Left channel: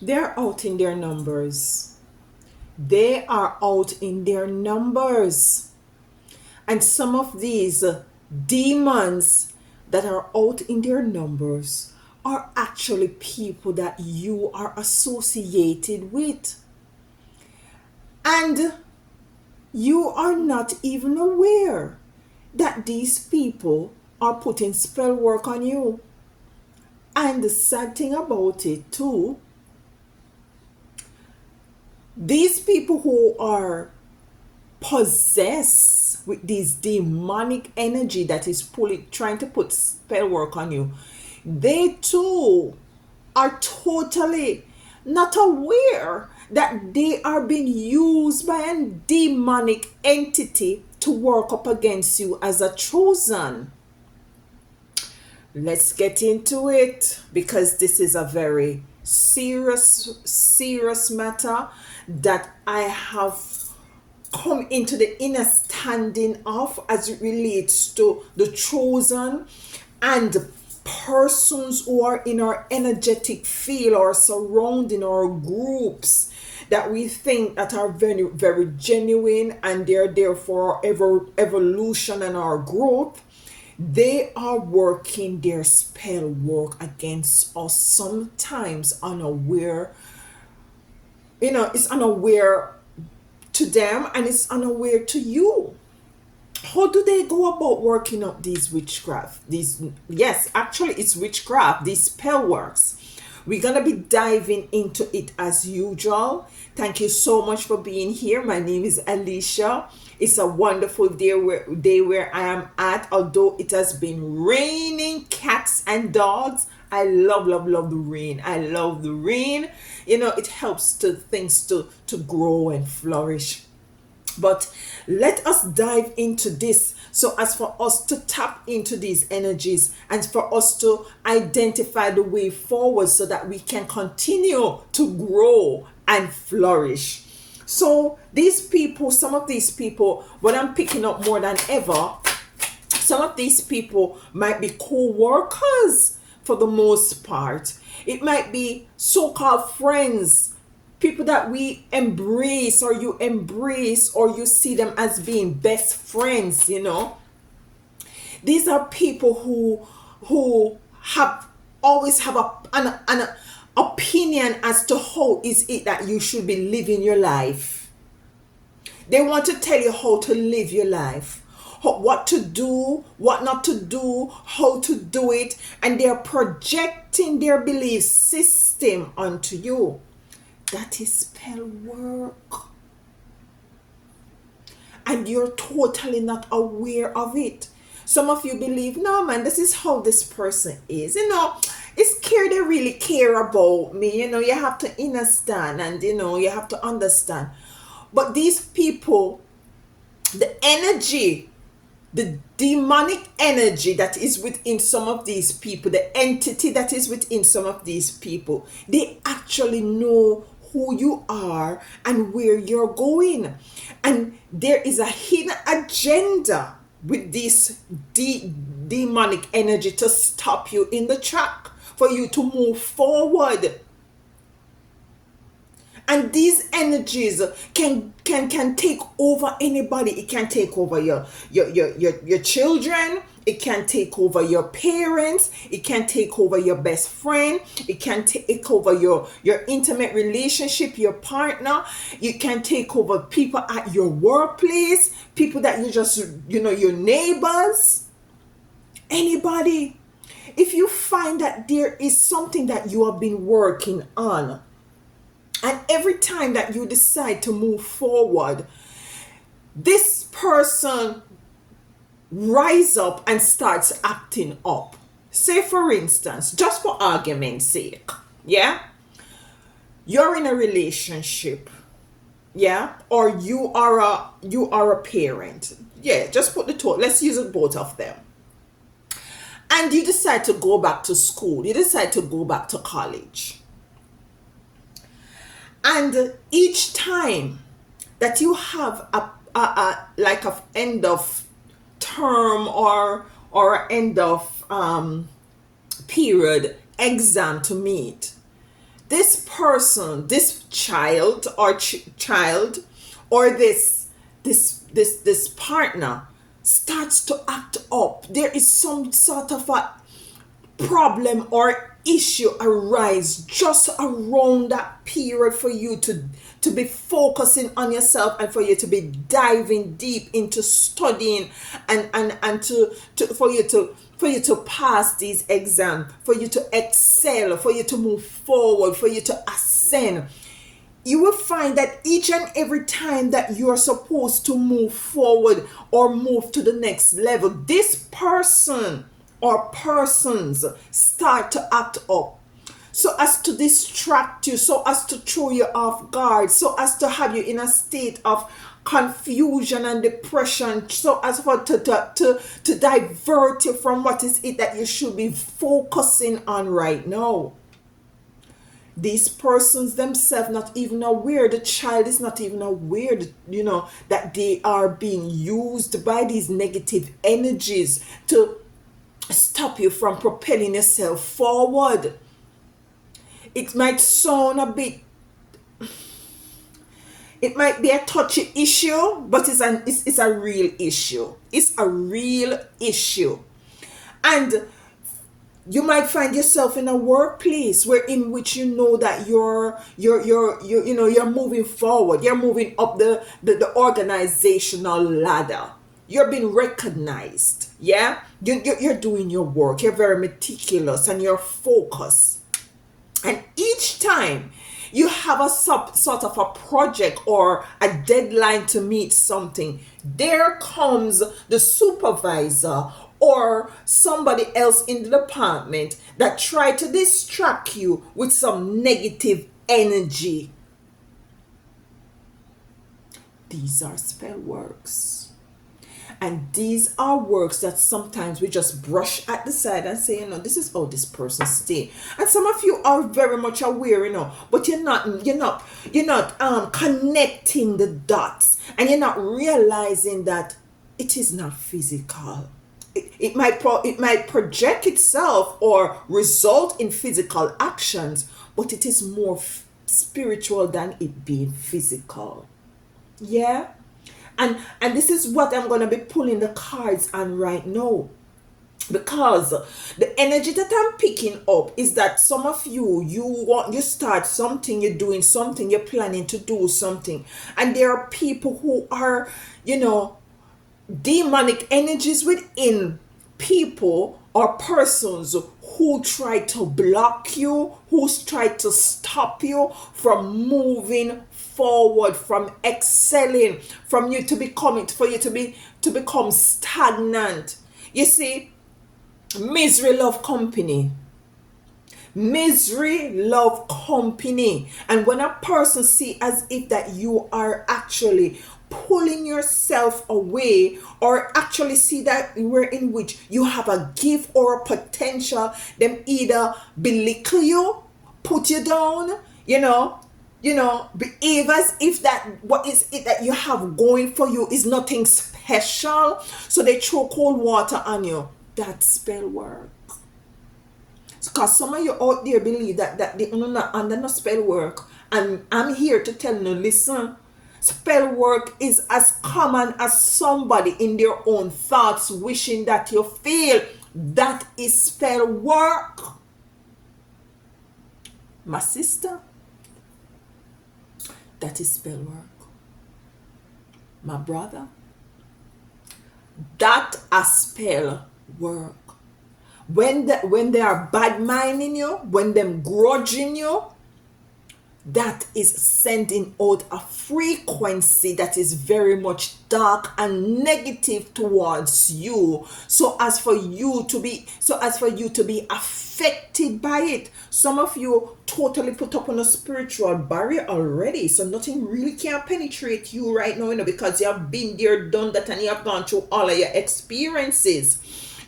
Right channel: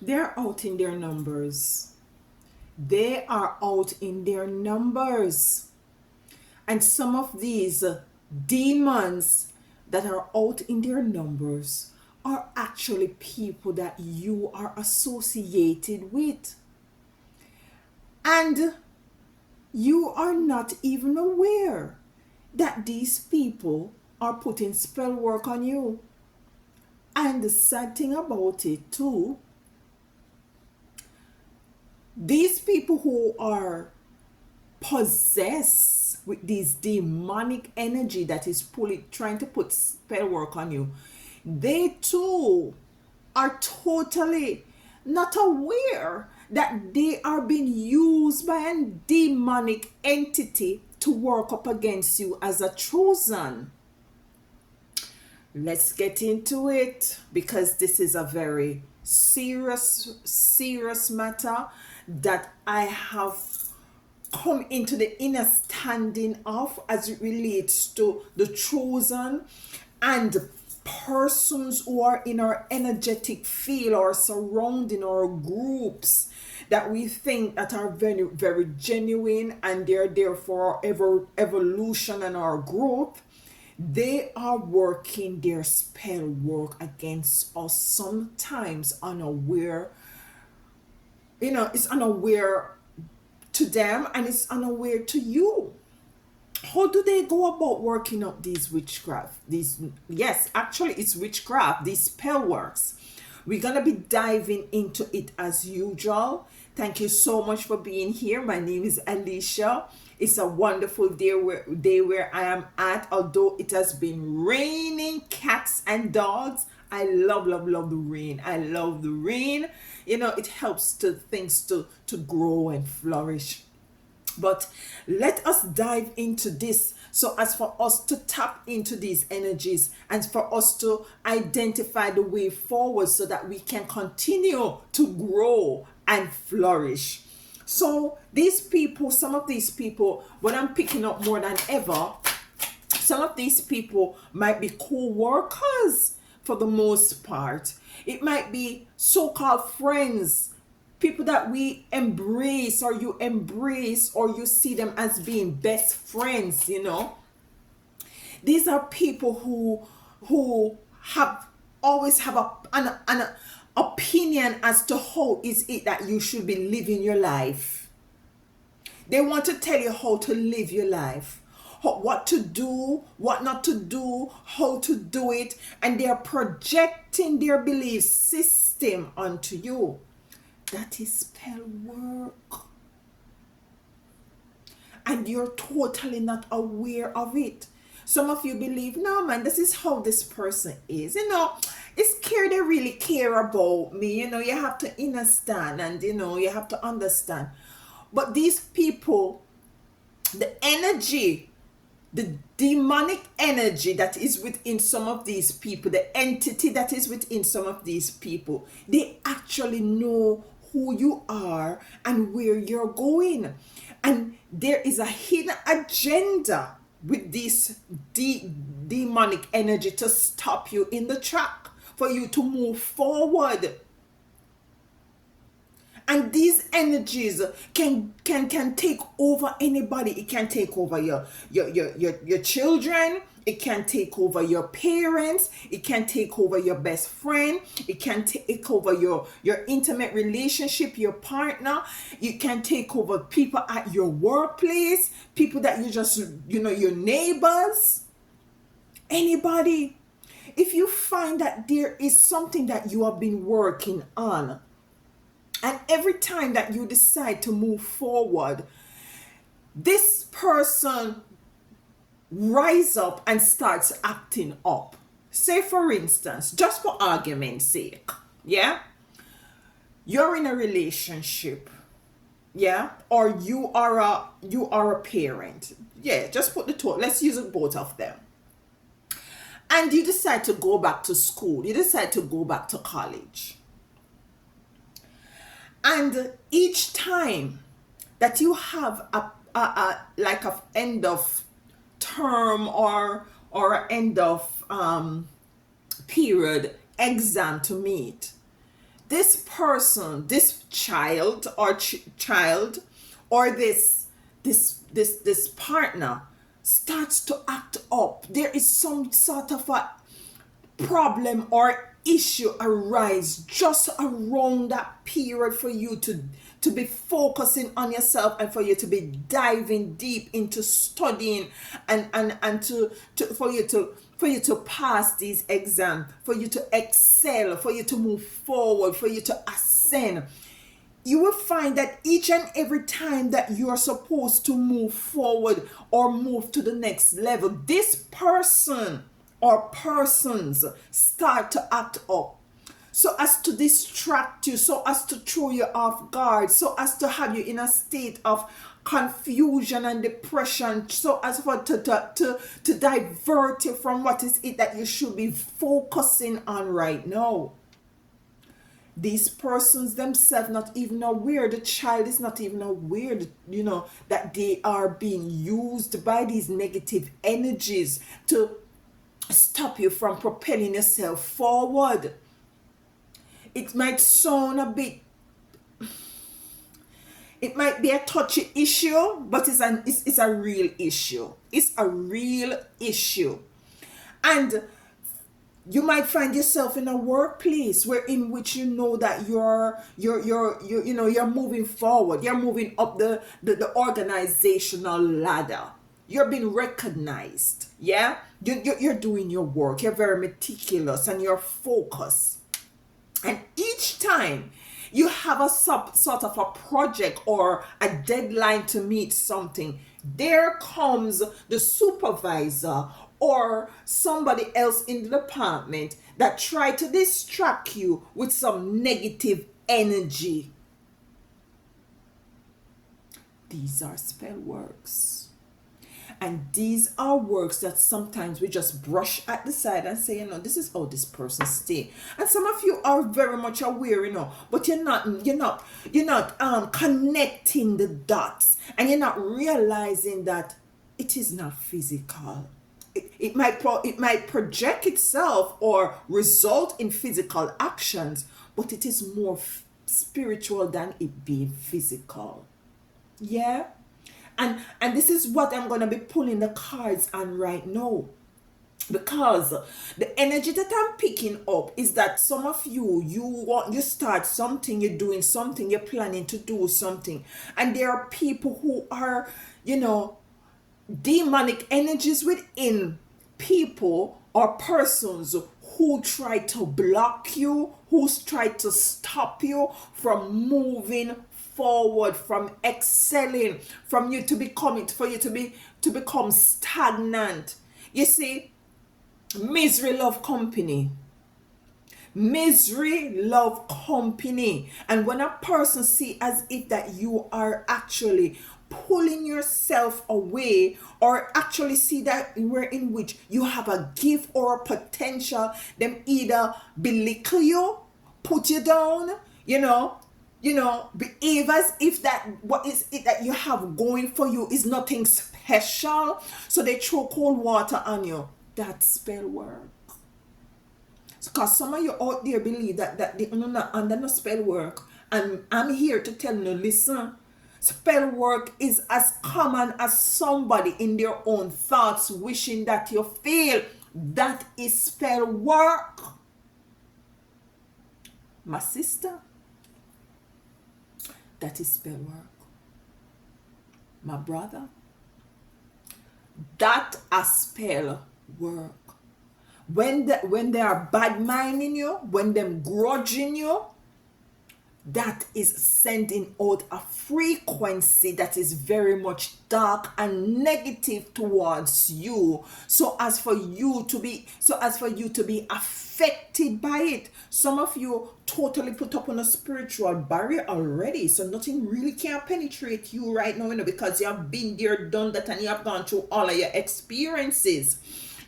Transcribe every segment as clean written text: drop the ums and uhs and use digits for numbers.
They're out in their numbers. They are out in their numbers. And some of these demons that are out in their numbers are actually people that you are associated with. And you are not even aware that these people are putting spell work on you. And the sad thing about it too, these people who are possessed with this demonic energy that is trying to put spell work on you, they too are totally not aware that they are being used by a demonic entity to work up against you as a chosen. Let's get into it because this is a very serious matter that I have come into the understanding of as it relates to the chosen and persons who are in our energetic field or surrounding our groups that we think that are very genuine and they're there for our evolution and our growth. They are working their spell work against us, sometimes unaware. It's unaware to them and it's unaware to you. How do they go about working out these witchcraft? These, yes, actually it's witchcraft, these spell works. We're gonna be diving into it as usual. Thank you so much for being here. My name is Alicia. It's a wonderful day where I am at, although it has been raining cats and dogs. I love the rain. I love the rain. It helps to things to grow and flourish. But let us dive into this so as for us to tap into these energies and for us to identify the way forward so that we can continue to grow and flourish. So these people, some of these people, what I'm picking up more than ever, some of these people might be co-workers for the most part. It might be so-called friends, people that we embrace or you embrace or you see them as being best friends. These are people who have always have an opinion as to how is it that you should be living your life. They want to tell you how to live your life, what to do, what not to do, how to do it, and they're projecting their belief system onto you. That is spell work. And you're totally not aware of it. Some of you believe, no man, this is how this person is. It's care they really care about me. You have to understand and you have to understand. But these people, the energy, the demonic energy that is within some of these people, the entity that is within some of these people, they actually know who you are and where you're going. And there is a hidden agenda with this demonic energy to stop you in the track, for you to move forward. And these energies can take over anybody. It can take over your children. It can take over your parents. It can take over your best friend. It can take over your intimate relationship, your partner. You can take over people at your workplace, people that you just, your neighbors, anybody. If you find that there is something that you have been working on, and every time that you decide to move forward, this person rise up and starts acting up. Say for instance, just for argument's sake, yeah, you're in a relationship, yeah, or you are a parent, yeah, just put the two, let's use it both of them, and you decide to go back to school, you decide to go back to college. And each time that you have a like a end of term or end of period exam to meet, this person, this child or child, or this partner starts to act up, there is some sort of a problem or issue arise just around that period for you to be focusing on yourself, and for you to be diving deep into studying, and for you to pass these exams, for you to excel, for you to move forward, for you to ascend. You will find that each and every time that you're supposed to move forward or move to the next level, this person or persons start to act up, so as to distract you, so as to throw you off guard, so as to have you in a state of confusion and depression, so as for to divert you from what is it that you should be focusing on right now. These persons themselves not even aware, the child is not even aware that, that they are being used by these negative energies to stop you from propelling yourself forward. It might sound a bit, it might be a touchy issue, but it's a real issue. It's a real issue. And you might find yourself in a workplace where in which that you're moving forward, you're moving up the organizational ladder, you're being recognized. Yeah, you're doing your work, you're very meticulous and you're focused, and each time you have a sort of a project or a deadline to meet something, there comes the supervisor or somebody else in the department that try to distract you with some negative energy. These are spell works. And these are works that sometimes we just brush at the side and say, this is how this person stay. And some of you are very much aware, but you're not connecting the dots, and you're not realizing that it is not physical. It might project itself or result in physical actions, but it is more spiritual than it being physical. Yeah. And this is what I'm going to be pulling the cards on right now, because the energy that I'm picking up is that some of you start something, you're doing something, you're planning to do something, and there are people who are demonic energies within people or persons who try to block you, who try to stop you from moving forward, from excelling, from you to become stagnant. You see, misery love company. Misery love company. And when a person see as if that you are actually pulling yourself away, or actually see that we're in which you have a gift or a potential, them either belittle you, put you down, behave as if that what is it that you have going for you is nothing special, so they throw cold water on you. That's spell work. Because some of you out there believe that they are not under no spell work, and I'm here to tell you, listen, spell work is as common as somebody in their own thoughts wishing that you fail. That is spell work, my sister. That is spell work, my brother. That a spell work. When they are bad minding you, when them grudging you, that is sending out a frequency that is very much dark and negative towards you, so as for you to be affected by it. Some of you totally put up on a spiritual barrier already, so nothing really can penetrate you right now, because you have been there, done that, and you have gone through all of your experiences.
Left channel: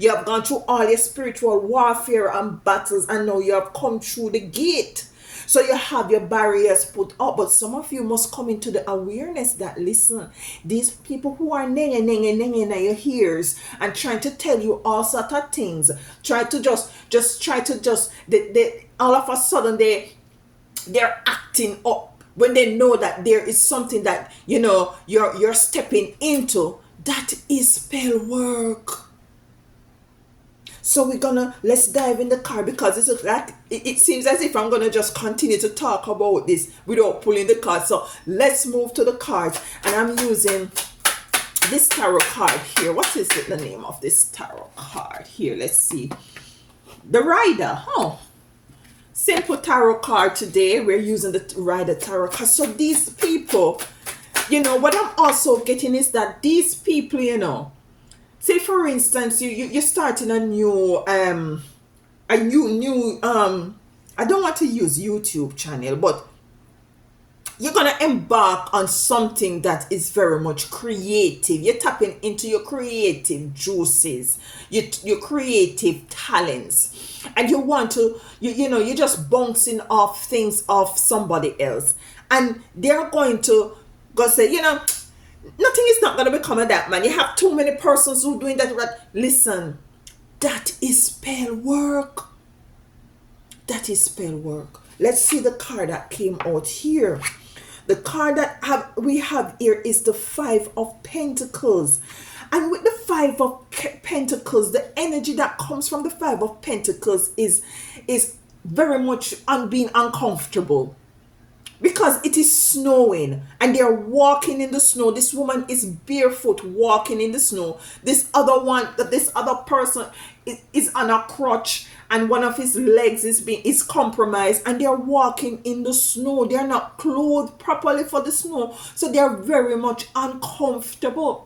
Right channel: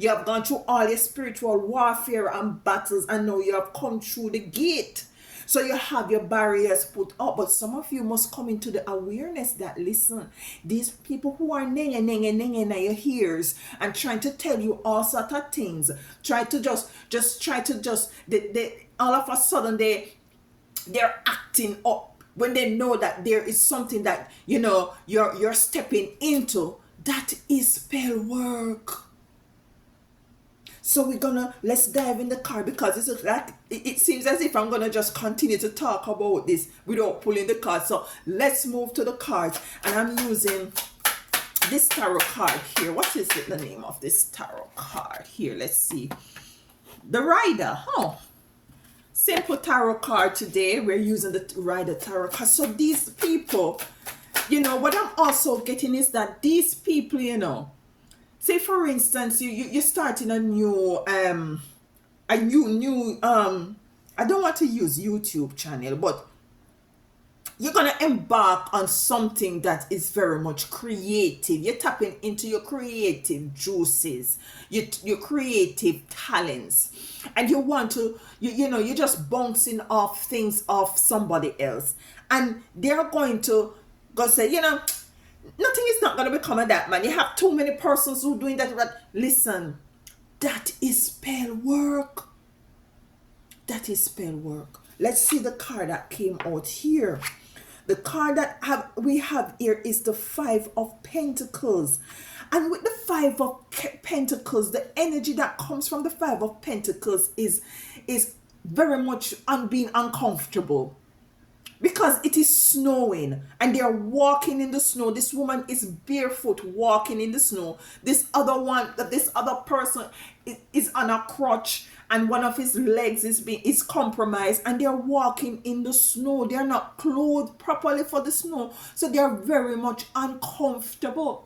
You have gone through all your spiritual warfare and battles, and now you have come through the gate. So you have your barriers put up, but some of you must come into the awareness that, listen, these people who are nenge in your ears and trying to tell you all sort of things, try to all of a sudden they're acting up when they know that there is something that you're stepping into. That is spell work. So let's dive in the card, because it seems as if I'm gonna just continue to talk about this without pulling the card. So let's move to the cards, and I'm using this tarot card here. What is the name of this tarot card here? Let's see. The Rider. Oh, simple tarot card today. We're using the Rider tarot card. So these people, what I'm also getting is that these people, say for instance, you're starting a new I don't want to use YouTube channel, but you're gonna embark on something that is very much creative. You're tapping into your creative juices, your creative talents, and you want to you're just bouncing off things off somebody else, and they're going to go say, nothing is not going to become of that, man. You have too many persons who doing that. Listen, that is spell work. That is spell work. Let's see the card that came out here. The card that we have here is the Five of Pentacles. And with the Five of Pentacles, the energy that comes from the Five of Pentacles is very much on being uncomfortable. Because it is snowing and they're walking in the snow. This woman is barefoot walking in the snow. This other person is on a crutch, and one of his legs is compromised, and they're walking in the snow. They're not clothed properly for the snow, so they're very much uncomfortable.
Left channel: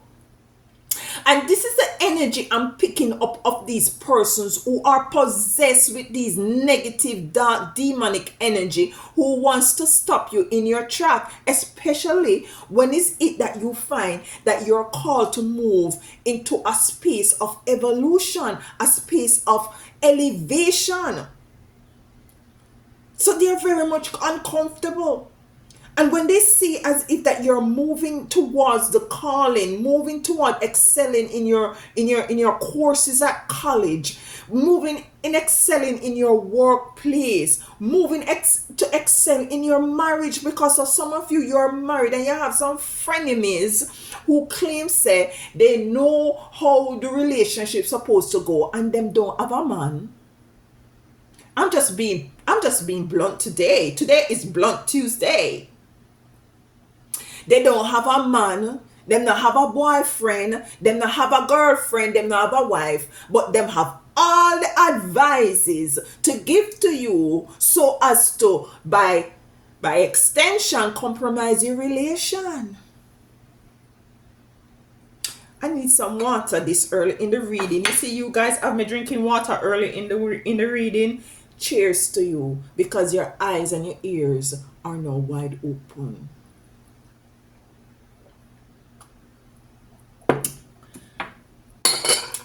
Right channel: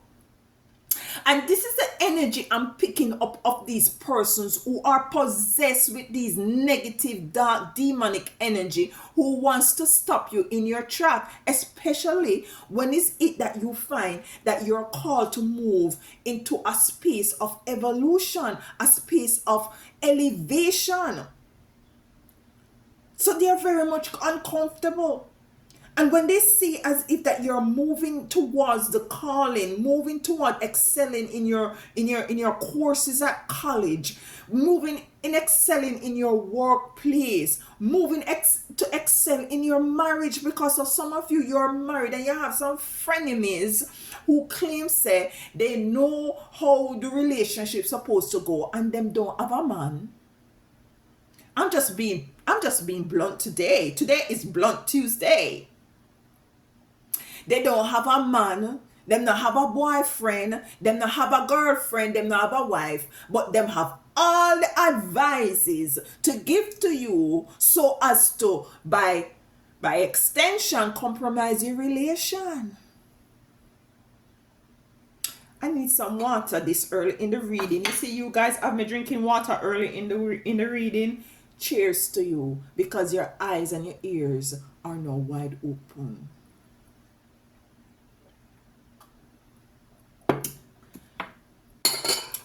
And this is the energy I'm picking up of these persons who are possessed with these negative, dark, demonic energy, who wants to stop you in your track, especially when it's it that you find that you're called to move into a space of evolution, a space of elevation. So they're very much uncomfortable. And when they see as if that you're moving towards the calling, moving toward excelling in your courses at college, excelling in your workplace, to excel in your marriage, because of some of you're married and you have some frenemies who claim say they know how the relationship's supposed to go, and them don't have a man. I'm just being blunt today. Today is Blunt Tuesday. They don't have a man, them not have a boyfriend, them not have a girlfriend, them not have a wife, but them have all the advices to give to you, so as to by extension compromise your relation. I need some water this early in the reading. You see, you guys have me drinking water early in the reading. Cheers to you, because your eyes and your ears are now wide open.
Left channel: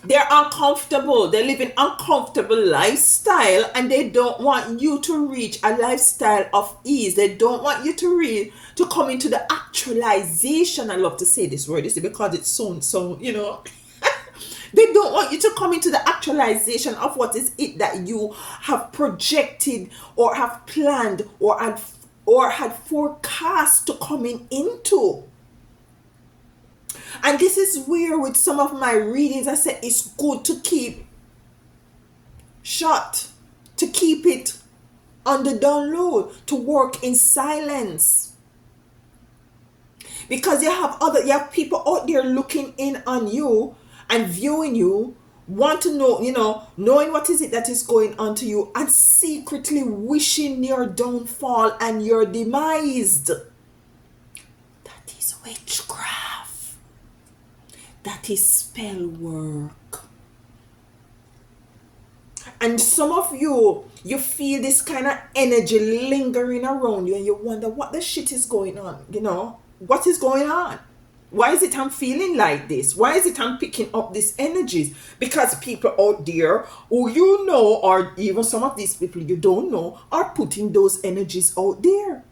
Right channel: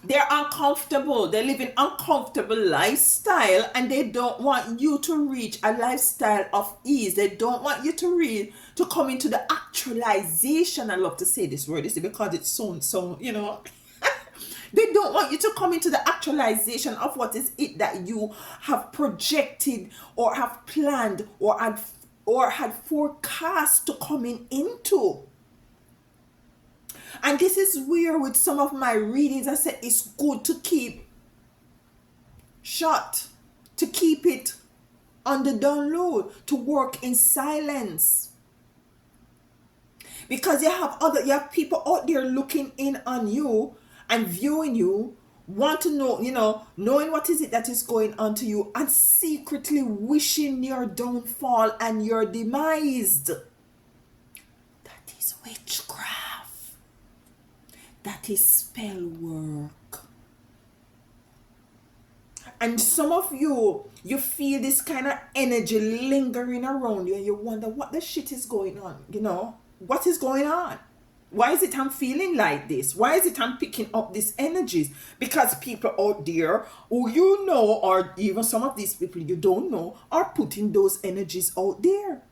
They're uncomfortable. They're living uncomfortable lifestyle, and they don't want you to reach a lifestyle of ease. They don't want you to come into the actualization. I love to say this word, because it sounds so, They don't want you to come into the actualization of what is it that you have projected or have planned or had forecast to coming into. And this is where with some of my readings I said it's good to keep shut, to keep it on the down low, to work in silence. Because you have people out there looking in on you and viewing you, want to know, knowing what is it that is going on to you, and secretly wishing your downfall and your demise. That is witchcraft. That is spell work. And some of you feel this kind of energy lingering around you, and you wonder what the shit is going on. What is going on? Why is it I'm feeling like this? Why is it I'm picking up these energies? Because people out there who or even some of these people you don't know, are putting those energies out there.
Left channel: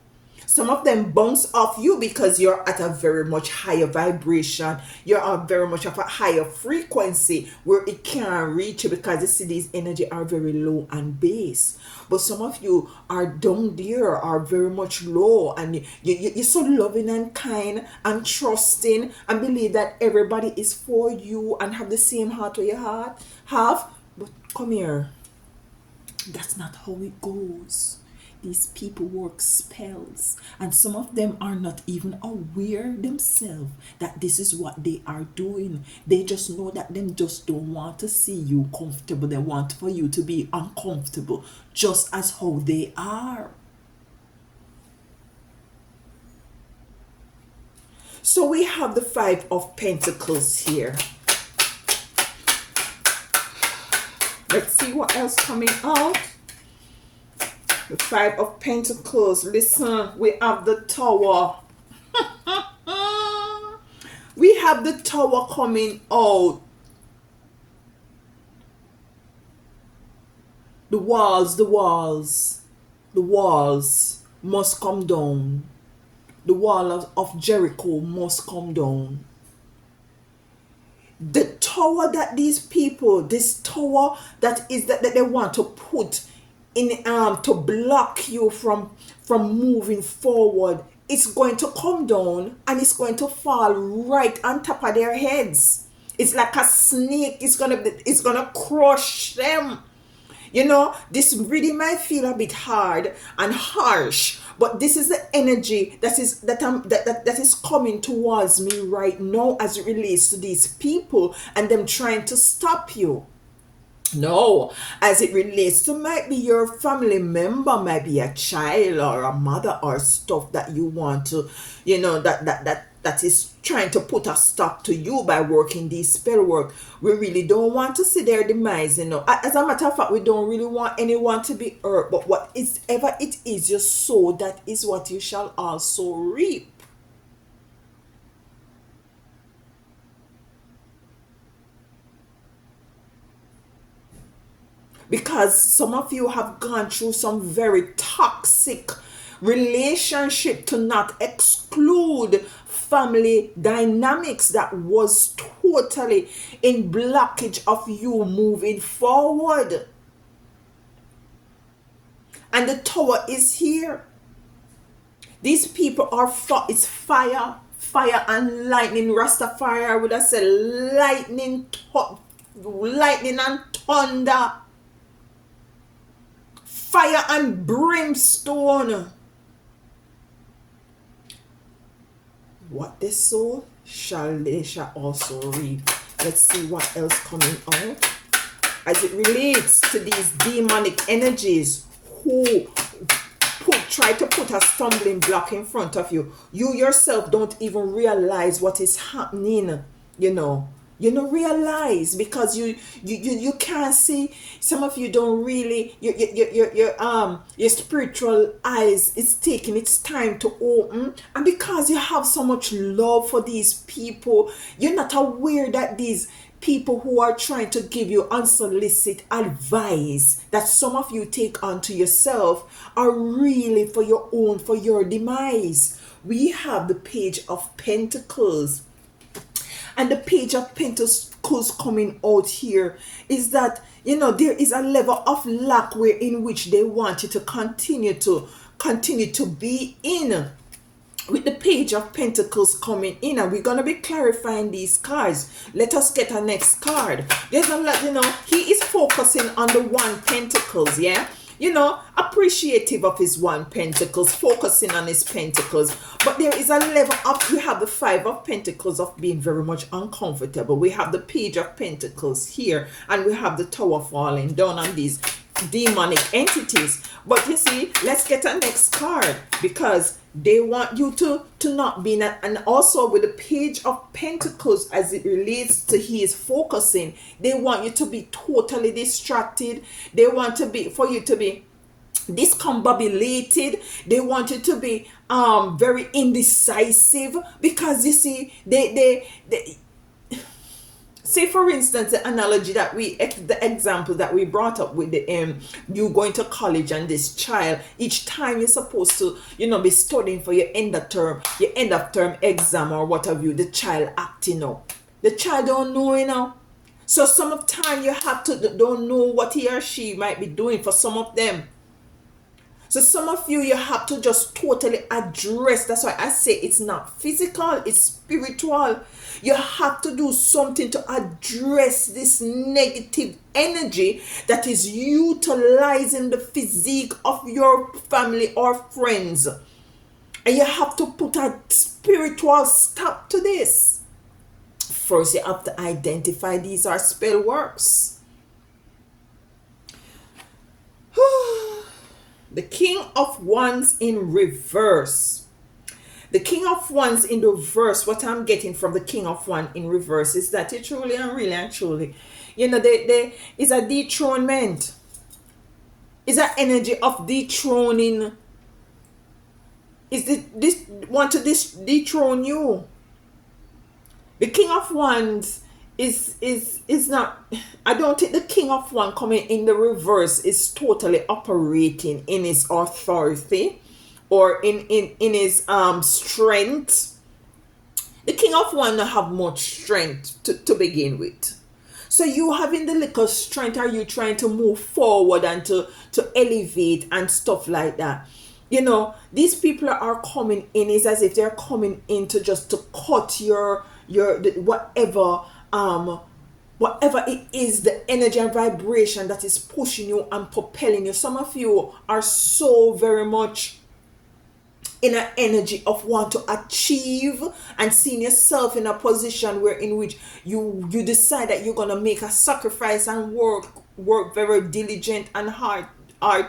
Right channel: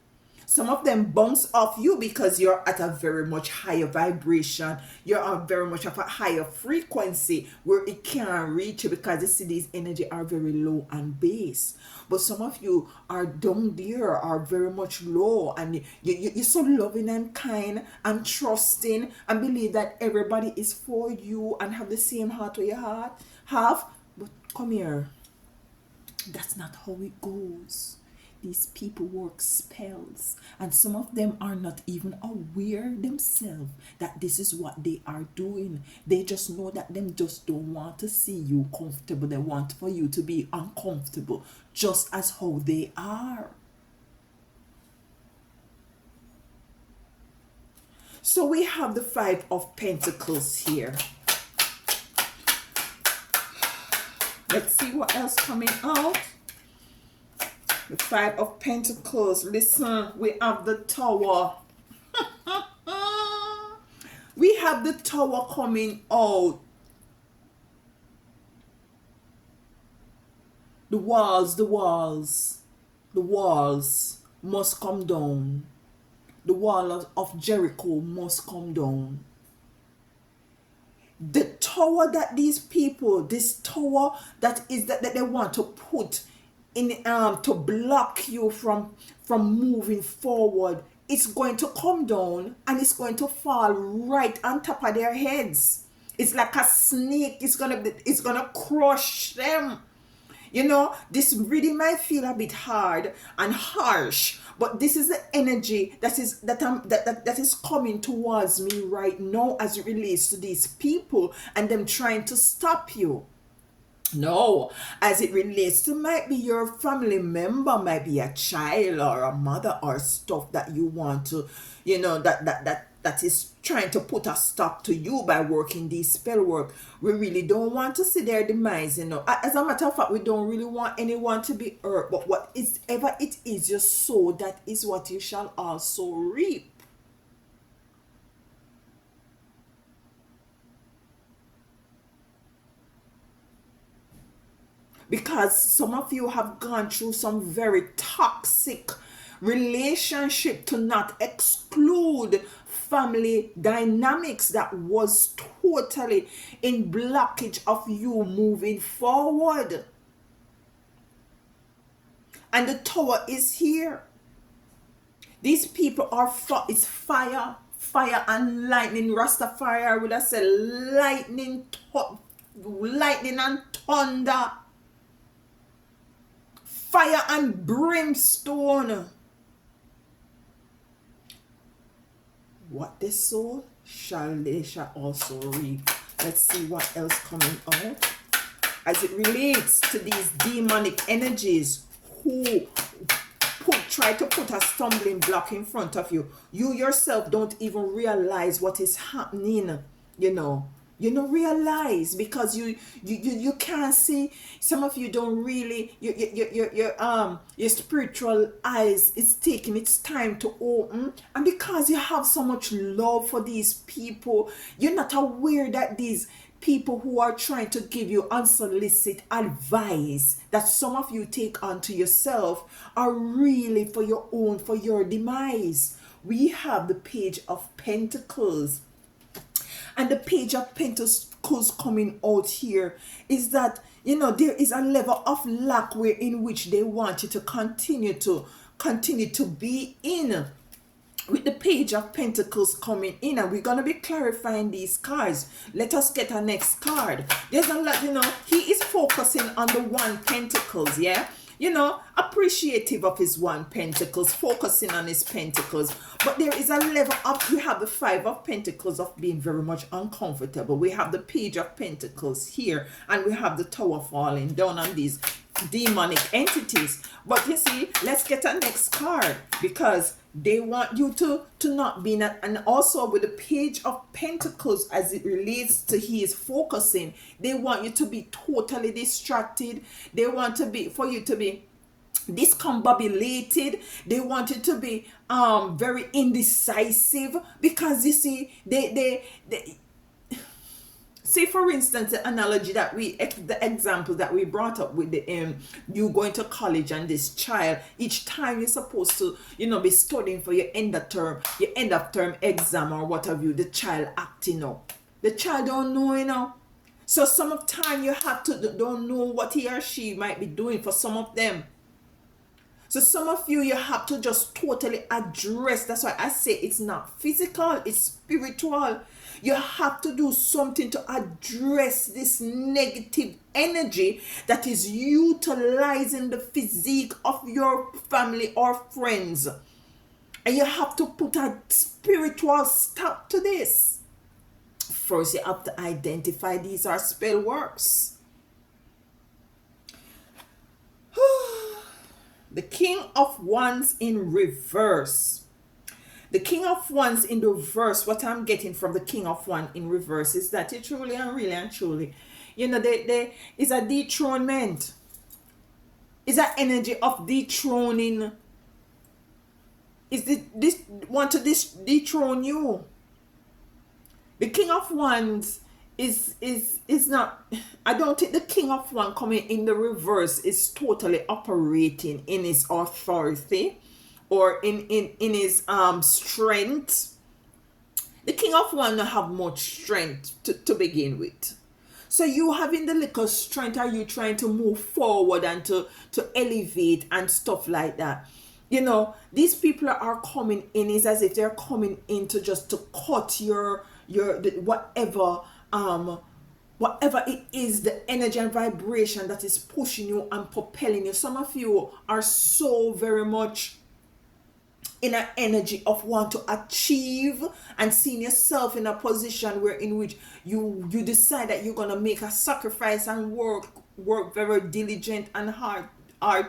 Some of them bounce off you because you're at a very much higher vibration. You're at very much of a higher frequency where it can't reach you, because you see these energy are very low and base. But some of you are down there, are very much low, and you're so loving and kind and trusting and believe that everybody is for you and have the same heart where your heart have. But come here, that's not how it goes. These people work spells, and some of them are not even aware themselves that this is what they are doing. They just know that them just don't want to see you comfortable. They want for you to be uncomfortable, just as how they are. So we have the Five of Pentacles here. Let's see what else coming out. The Five of Pentacles. Listen, we have the Tower. We have the Tower coming out. The walls must come down. The wall of Jericho must come down. The tower that these people, this tower that is that they want to put in to block you from moving forward, it's going to come down and it's going to fall right on top of their heads. It's like a snake. It's gonna crush them. You know, this really might feel a bit hard and harsh, but this is the energy that is coming towards me right now as it relates to these people and them trying to stop you. No, as it relates to, might be your family member, might be a child or a mother or stuff that you want to, you know, that is trying to put a stop to you by working these spell work. We really don't want to see their demise, you know. As a matter of fact, we don't really want anyone to be hurt, but whatever it is you sow, that is what you shall also reap. Because some of you have gone through some very toxic relationship, to not exclude family dynamics that was totally in blockage of you moving forward. And the Tower is here. These people are it's fire and lightning. Rastafari would have said lightning and thunder, fire and brimstone. What they sow they shall also reap. Let's see what else coming out as it relates to these demonic energies who try to put a stumbling block in front of you. You yourself don't even realize what is happening, you know. You don't realize because you can't see. Some of you don't really, your spiritual eyes is taking its time to open, and because you have so much love for these people, you're not aware that these people who are trying to give you unsolicited advice that some of you take onto yourself are really for your own, for your demise. We have the Page of Pentacles. And the Page of Pentacles coming out here is that, you know, there is a level of lack where in which they want you to continue to be in. With the Page of Pentacles coming in, and we're going to be clarifying these cards. Let us get our next card. There's a lot, you know, he is focusing on the One Pentacles, yeah? You know, appreciative of his One Pentacles, focusing on his pentacles. But there is a level of, we have the Five of Pentacles of being very much uncomfortable. We have the Page of Pentacles here, and we have the Tower falling down on these demonic entities. But you see, let's get our next card, because they want you to not be in and also with the Page of Pentacles as it relates to his focusing, they want you to be totally distracted. They want for you to be discombobulated. They want you to be very indecisive, because you see they Say for instance the analogy that the example that we brought up with the you going to college and this child, each time you're supposed to be studying for your end of term exam or what have you, the child acting up, the child don't know, so some of time you have to don't know what he or she might be doing for some of them. So some of you have to just totally address. That's why I say it's not physical, it's spiritual. You have to do something to address this negative energy that is utilizing the physique of your family or friends. And you have to put a spiritual stop to this. First, you have to identify these are spell works. The King of Wands in reverse. The King of Wands in reverse, what I'm getting from the King of Wands in reverse is that it truly and really and truly, there is a dethronement. Is an energy of dethroning. Is this want to dethrone you? The King of Wands is not, I don't think the King of Wands coming in the reverse is totally operating in his authority or in his strength. The King of Wands don't have much strength to begin with. So you having the little strength, are you trying to move forward and to elevate and stuff like that? These people are coming in, is as if they're coming in to just to cut your whatever it is, the energy and vibration that is pushing you and propelling you. Some of you are so very much in an energy of want to achieve and seeing yourself in a position where in which you decide that you're gonna make a sacrifice and work very diligent and hard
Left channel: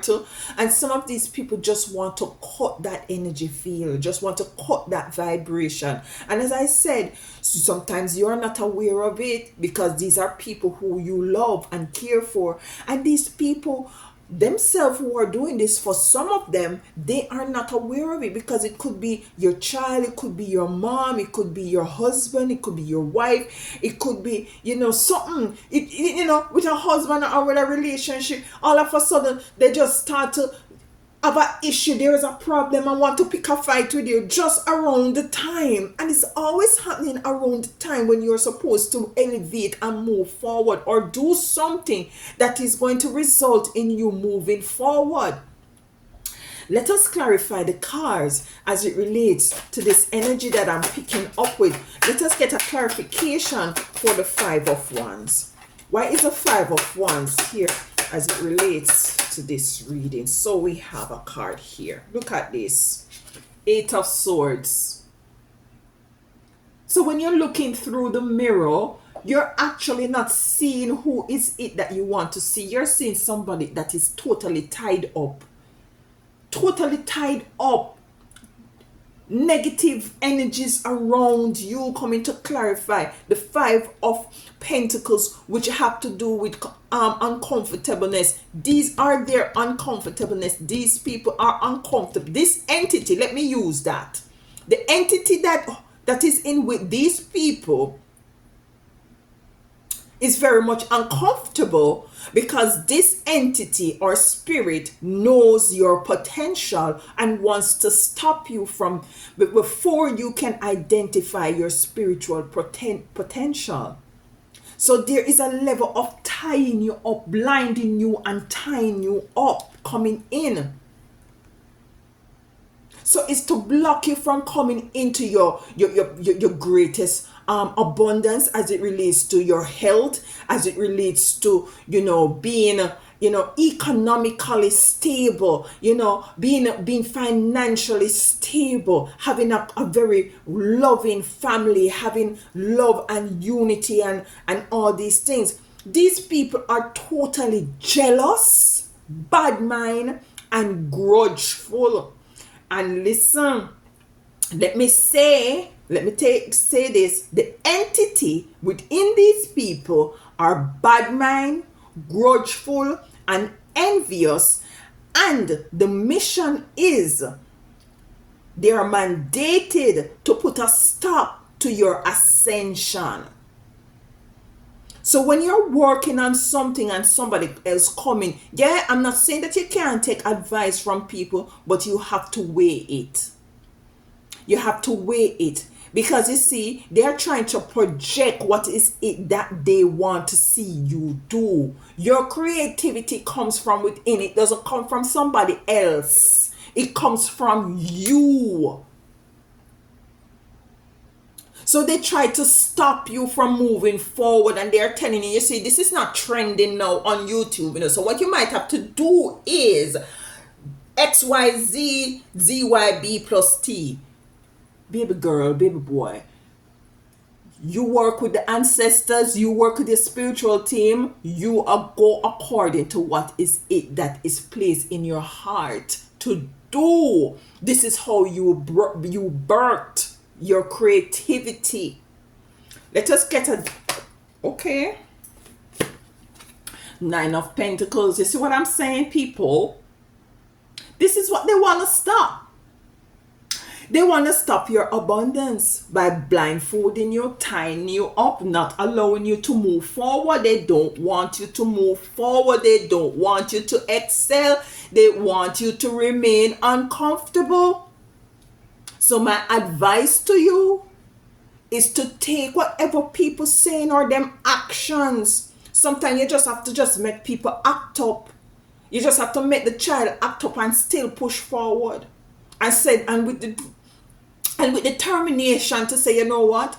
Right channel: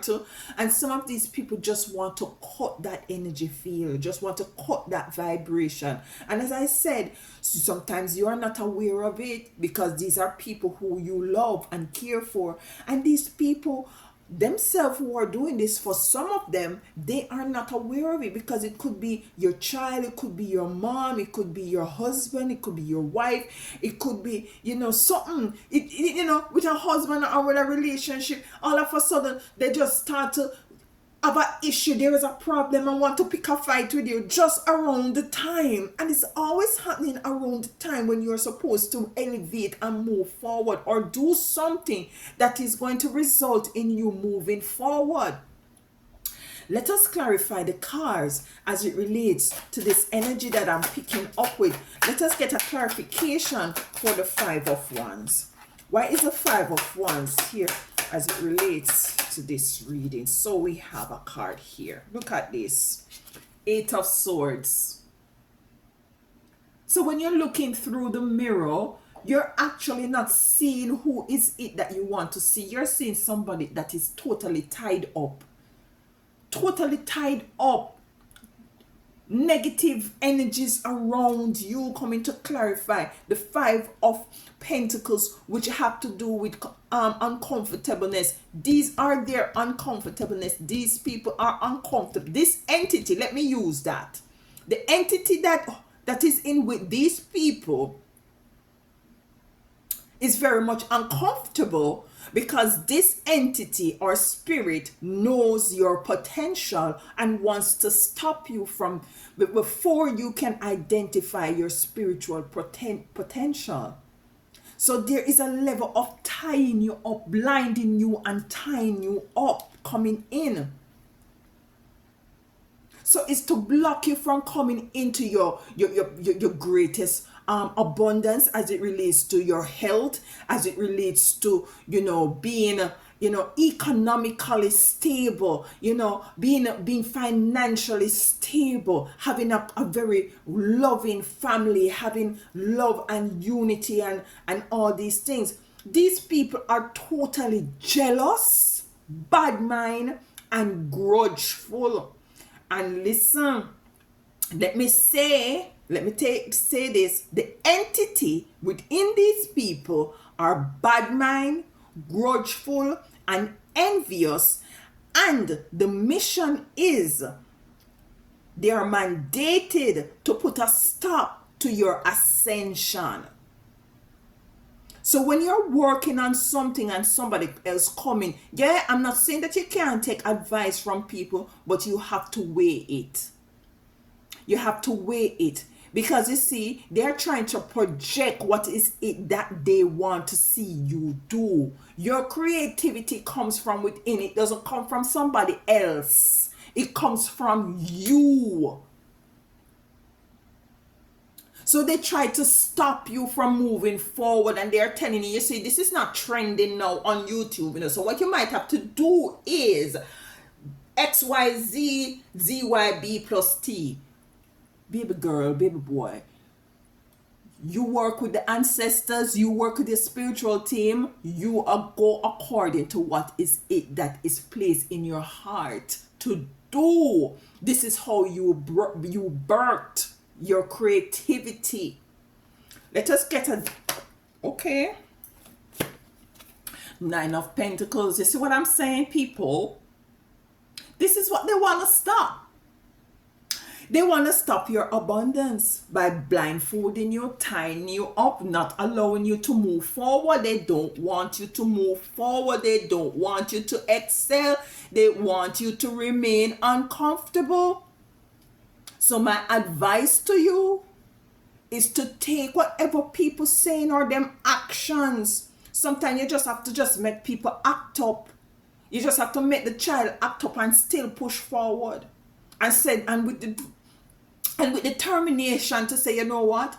to, and some of these people just want to cut that energy field, just want to cut that vibration. And as I said, sometimes you're not aware of it because these are people who you love and care for, and these people themselves who are doing this, for some of them, they are not aware of it because it could be your child, it could be your mom, it could be your husband, it could be your wife, it could be something, with a husband or with a relationship. All of a sudden they just start to have an issue, there is a problem and want to pick a fight with you just around the time, and it's always happening around the time when you're supposed to elevate and move forward or do something that is going to result in you moving forward. Let us clarify the cards as it relates to this energy that I'm picking up with. Let us get a clarification for the Five of Wands. Why is the Five of Wands here as it relates to this reading? So we have a card here. Look at this. Eight of Swords. So when you're looking through the mirror, you're actually not seeing who is it that you want to see. You're seeing somebody that is totally tied up. Totally tied up. Negative energies around you coming to clarify the Five of Pentacles, which have to do with uncomfortableness. These are their uncomfortableness. These people are uncomfortable. This entity, let me use that. The entity that is in with these people is very much uncomfortable because this entity or spirit knows your potential and wants to stop you from before you can identify your spiritual potential. So there is a level of tying you up, blinding you and tying you up coming in. So it's to block you from coming into your greatest abundance as it relates to your health, as it relates to being economically stable, being financially stable, having a very loving family, having love and unity and all these things. These people are totally jealous, bad mind and grudgeful. And listen, let me say this, the entity within these people are bad mind, grudgeful and envious, and the mission is they are mandated to put a stop to your ascension. So when you're working on something and somebody else coming, yeah, I'm not saying that you can't take advice from people, but you have to weigh it. You have to weigh it. Because you see, they're trying to project what is it that they want to see you do. Your creativity comes from within, it doesn't come from somebody else. It comes from you. So they try to stop you from moving forward, and they're telling you, you see, this is not trending now on YouTube. So what you might have to do is XYZ ZYB plus T. Baby girl, baby boy, you work with the ancestors, you work with the spiritual team, you are go according to what is it that is placed in your heart to do. This is how you birthed your creativity. Let us get a okay. Nine of Pentacles. You see what I'm saying, people? This is what they want to stop. They want to stop your abundance by blindfolding you, tying you up, not allowing you to move forward. They don't want you to move forward. They don't want you to excel. They want you to remain uncomfortable. So my advice to you is to take whatever people saying or them actions. Sometimes you just have to just make people act up. You just have to make the child act up and still push forward. And with determination to say, you know what?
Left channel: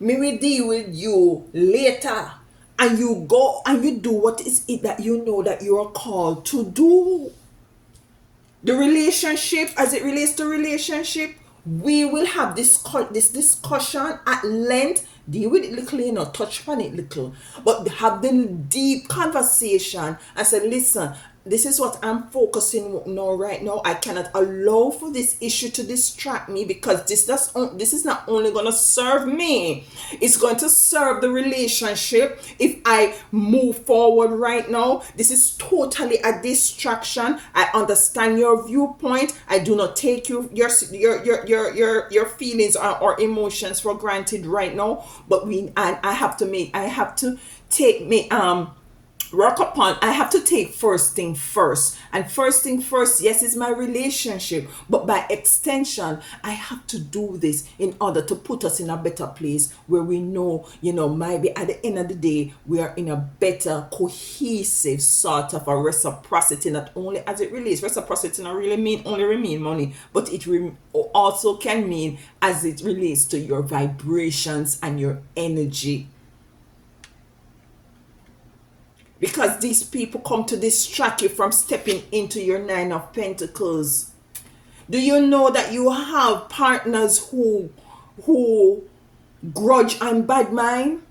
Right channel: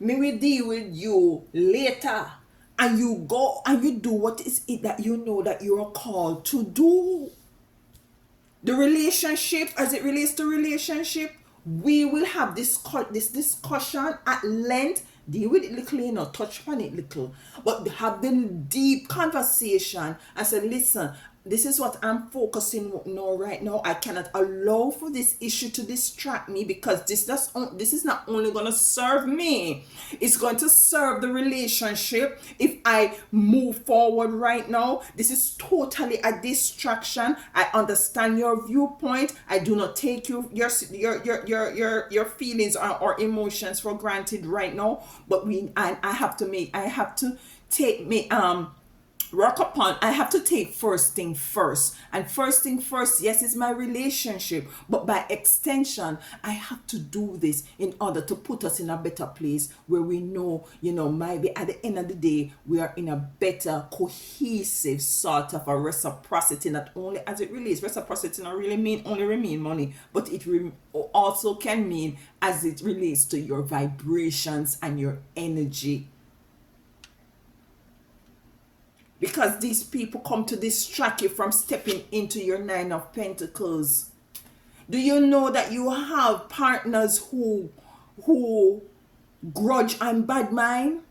Me will deal with you later. And you go and you do what is it that you know that you are called to do. The relationship, as it relates to relationship, we will have this discussion at length. Deal with it little, touch on it little, but have the deep conversation and say, listen, this is what I'm focusing on now, right now. I cannot allow for this issue to distract me, because this is not only going to serve me, it's going to serve the relationship. If I move forward right now, this is totally a distraction. I understand your viewpoint. I do not take your feelings or emotions for granted right now, but I have to take me work upon, I have to take first thing first. And first thing first, yes, is my relationship. But by extension, I have to do this in order to put us in a better place where we know, maybe at the end of the day, we are in a better, cohesive sort of a reciprocity, not only as it relates. Reciprocity not really mean money, but it also can mean as it relates to your vibrations and your energy. Because these people come to distract you from stepping into your Nine of Pentacles. Do you know that you have partners who grudge and bad mind?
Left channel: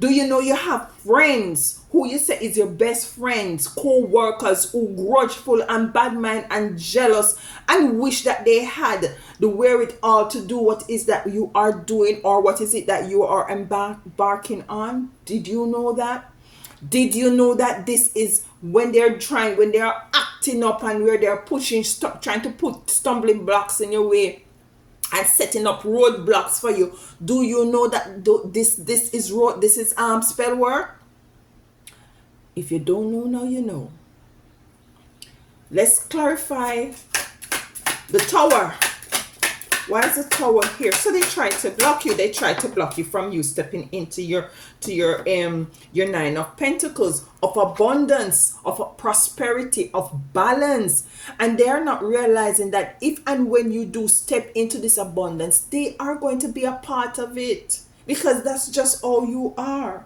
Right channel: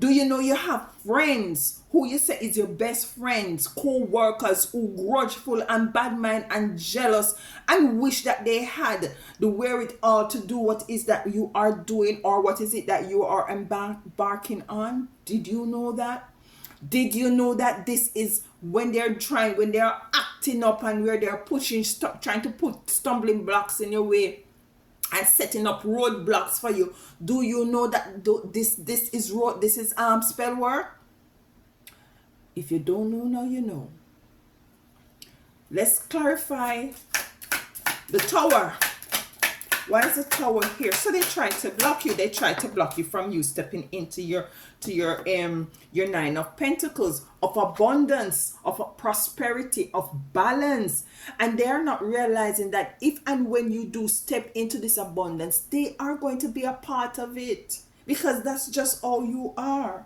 Do you know you have friends who you say is your best friends, co-workers who grudgeful and bad mind and jealous and wish that they had the wherewithal to do what is that you are doing, or what is it that you are embarking on? Did you know that? Did you know that this is when they're acting up and where they're trying to put stumbling blocks in your way and setting up roadblocks for you? Do you know that this is spell work? If you don't know now, you know. Let's clarify the Tower. Why is the Tower here? So they try to block you. They try to block you from you stepping into your Nine of Pentacles, of abundance, of prosperity, of balance. And they're not realizing that if and when you do step into this abundance, they are going to be a part of it, because that's just all you are.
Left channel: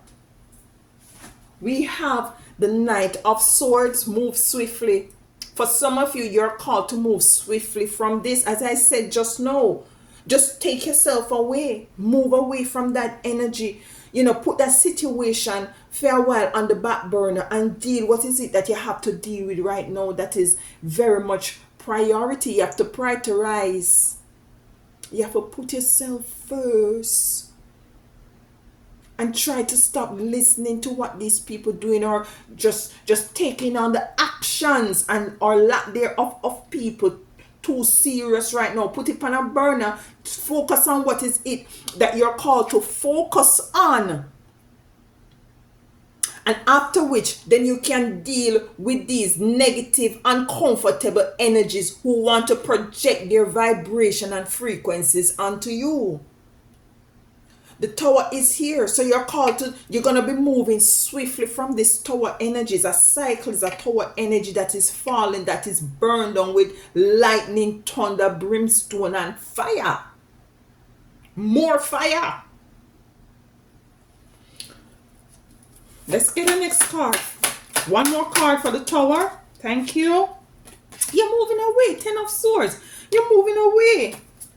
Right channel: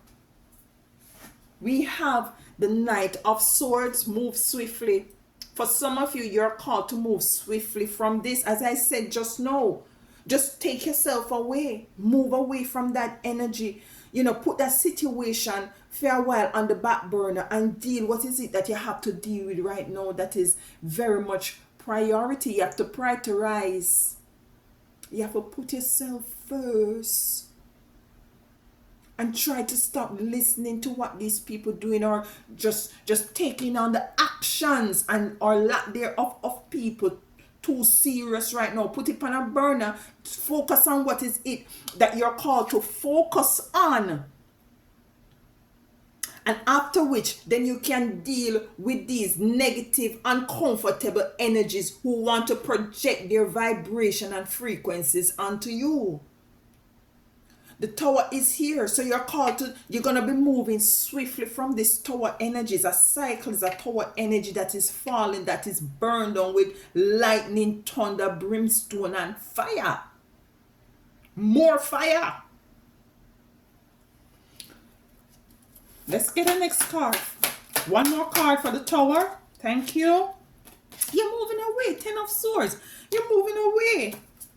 We have the Knight of Swords. Move swiftly. For some of you, you're called to move swiftly from this. As I said just now, just take yourself away. Move away from that energy. Put that situation for a while on the back burner and deal. What is it that you have to deal with right now that is very much priority? You have to prioritize. You have to put yourself first. And try to stop listening to what these people doing, or just taking on the actions and or lack thereof of people too serious right now. Put it on a burner. Focus on what is it that you're called to focus on. And after which, then you can deal with these negative, uncomfortable energies who want to project their vibration and frequencies onto you. The tower is here, so you're gonna be moving swiftly from this tower energies. A cycle is a tower energy that is falling, that is burned on with lightning, thunder, brimstone, and fire. More fire. Let's get the next card. One more card for the tower. Thank you. You're moving away. 10 of Swords. You're moving away.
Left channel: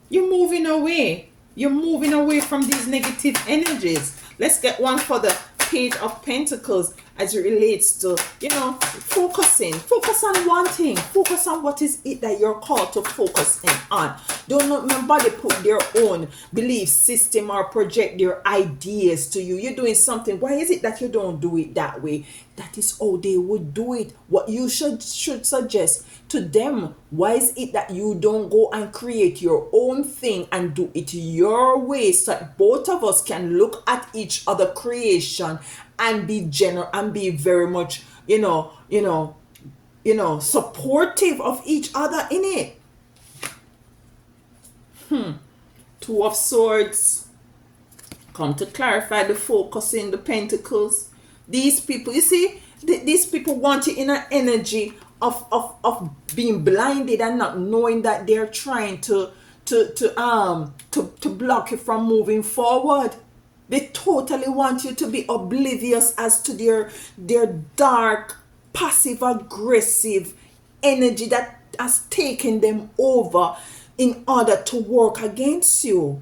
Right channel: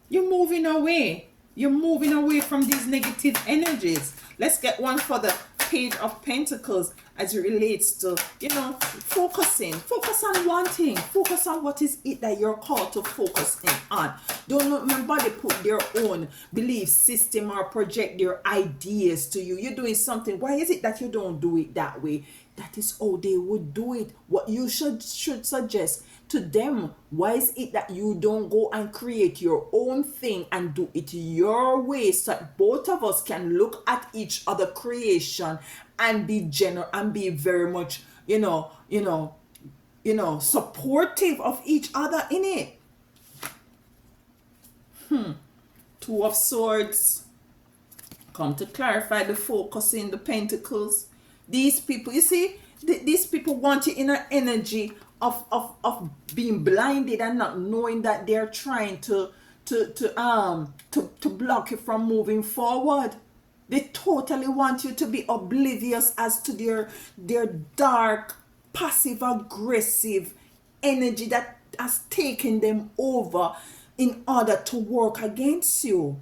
You're moving away. You're moving away from these negative energies. Let's get one for the Page of Pentacles as it relates to, focusing. Focus on one thing. Focus on what is it that you're called to focus on. Don't let nobody put their own belief system or project their ideas to you. You're doing something. Why is it that you don't do it that way? That is how they would do it. What you should suggest to them. Why is it that you don't go and create your own thing and do it your way, so that both of us can look at each other creation and be general and be very much supportive of each other in it. Two of Swords come to clarify the focus in the Pentacles. These people, you see, these people want you in an energy of being blinded and not knowing that they're trying to block you from moving forward. They totally want you to be oblivious as to their dark, passive aggressive energy that has taken them over in order to work against you.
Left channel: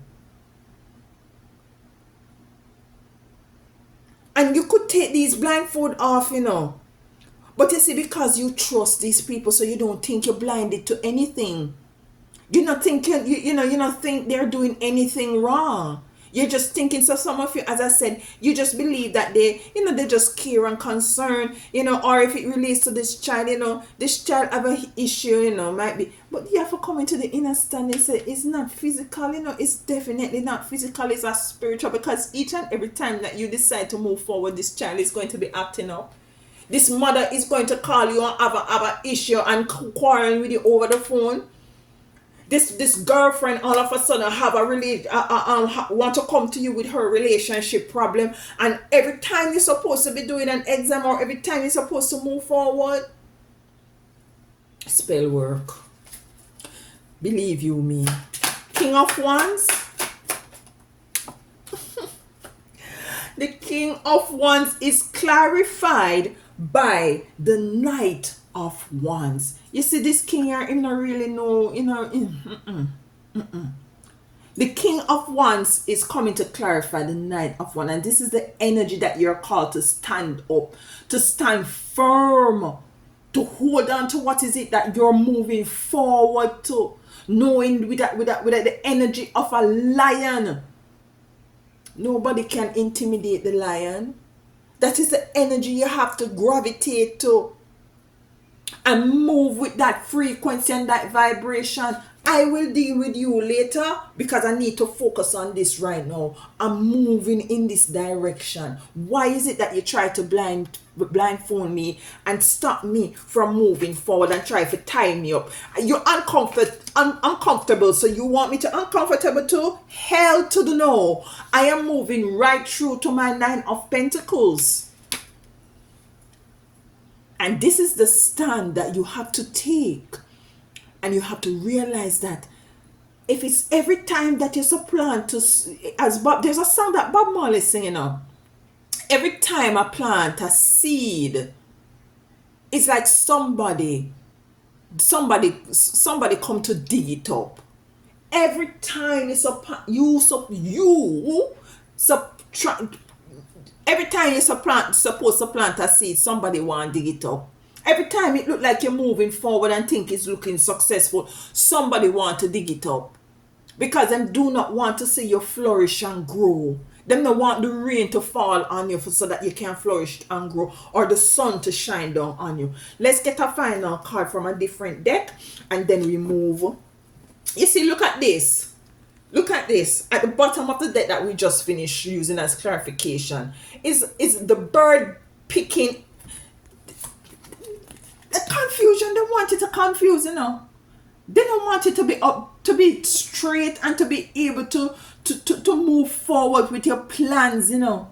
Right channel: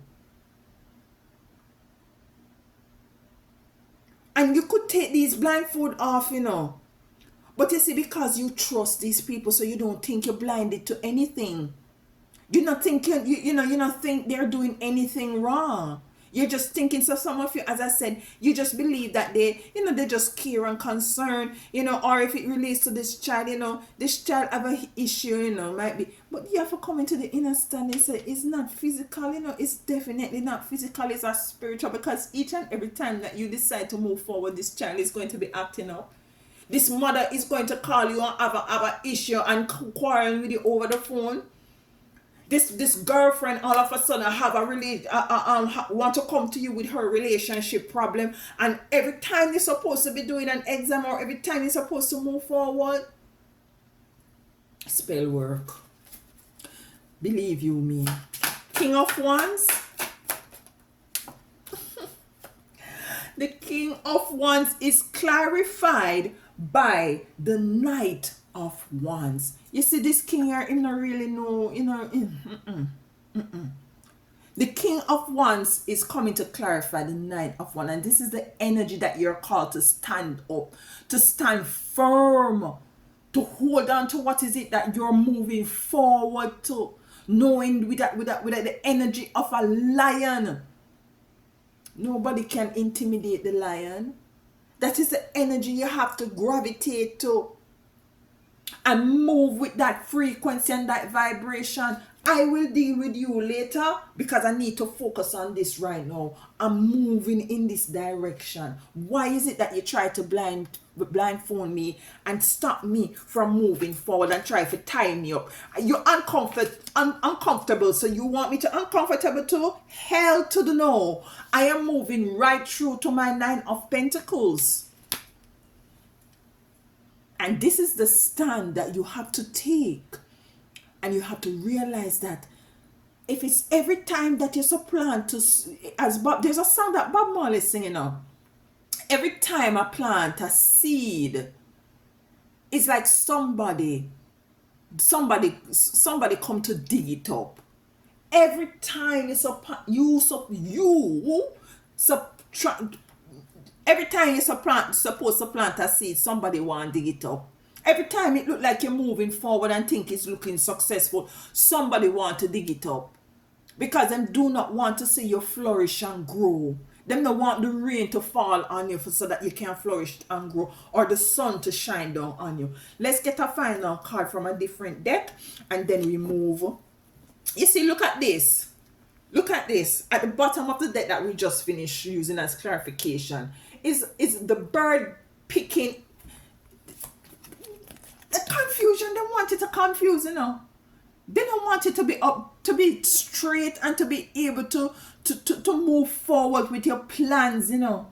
And you could take these blindfold off, But you see, because you trust these people, so you don't think you're blinded to anything. You're not thinking, you not think they're doing anything wrong. You're just thinking, so some of you, as I said, you just believe that they just care and concern, or if it relates to this child, this child have an issue, might be. But you have to come into the inner stand and say, it's not physical, it's definitely not physical, it's a spiritual, because each and every time that you decide to move forward, this child is going to be acting up. This mother is going to call you and have an issue and quarrel with you over the phone. This girlfriend all of a sudden have want to come to you with her relationship problem, and every time you're supposed to be doing an exam or every time you're supposed to move forward, spell work. Believe you me. King of Wands. The King of Wands is clarified by the Knight of Wands. You see, this king here, him not really know, The King of Wands is coming to clarify the Knight of Wands, and this is the energy that you're called to stand up, to stand firm, to hold on to what is it that you're moving forward to, knowing with the energy of a lion. Nobody can intimidate the lion. That is the energy you have to gravitate to and move with that frequency and that vibration. I will deal with you later because I need to focus on this right now. I'm moving in this direction. Why is it that you try to blindfold me and stop me from moving forward and try to tie me up? You're uncomfortable, so you want me to uncomfortable too? Hell to the no. I am moving right through to my 9 of Pentacles. And this is the stand that you have to take. And you have to realize that if it's every time that you supplant there's a song that Bob Marley singing now. Every time I plant a seed, it's like somebody come to dig it up. Every time every time you're supposed to plant a seed, somebody want to dig it up. Every time it look like you're moving forward and think it's looking successful, somebody want to dig it up. Because them do not want to see you flourish and grow. Them don't want the rain to fall on you so that you can flourish and grow, or the sun to shine down on you. Let's get a final card from a different deck and then we move. You see, look at this. Look at this. At the bottom of the deck that we just finished using as clarification is the bird picking. The confusion, they want you to confuse, you know. They don't want you to be up, to be straight, and to be able to move forward with your plans, you know.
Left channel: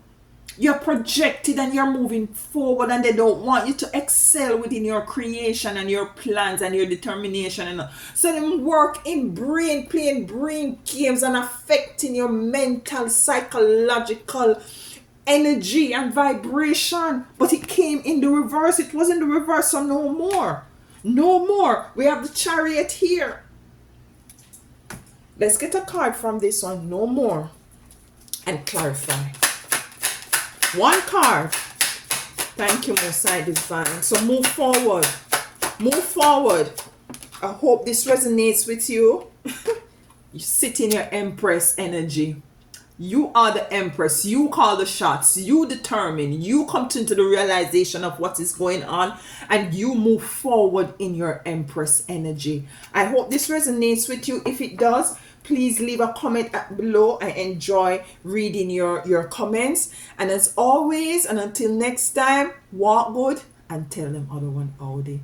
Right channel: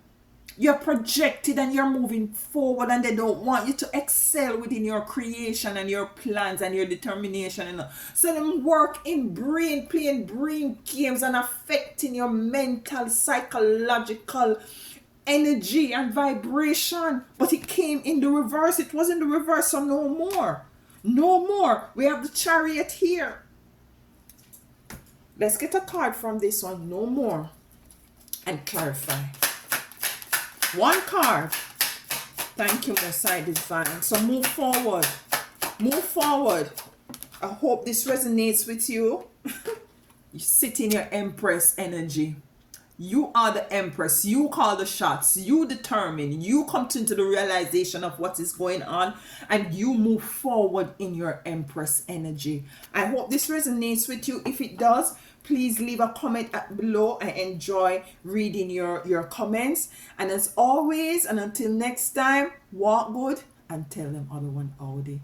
You're projected and you're moving forward, and they don't want you to excel within your creation and your plans and your determination, you know. So them work in brain, playing brain games and affecting your mental, psychological energy and vibration. But it came in the reverse. It was in the reverse, so no more. No more. We have the chariot here. Let's get a card from this one. No more. And clarify. One card. Thank you, Most High Divine. So move forward. Move forward. I hope this resonates with you. You sit in your empress energy. You are the empress. You call the shots. You determine. You come into the realization of what is going on, and you move forward in your empress energy. I hope this resonates with you. If it does, please leave a comment below. I enjoy reading your comments. And as always, and until next time, walk good and tell them other one howdy.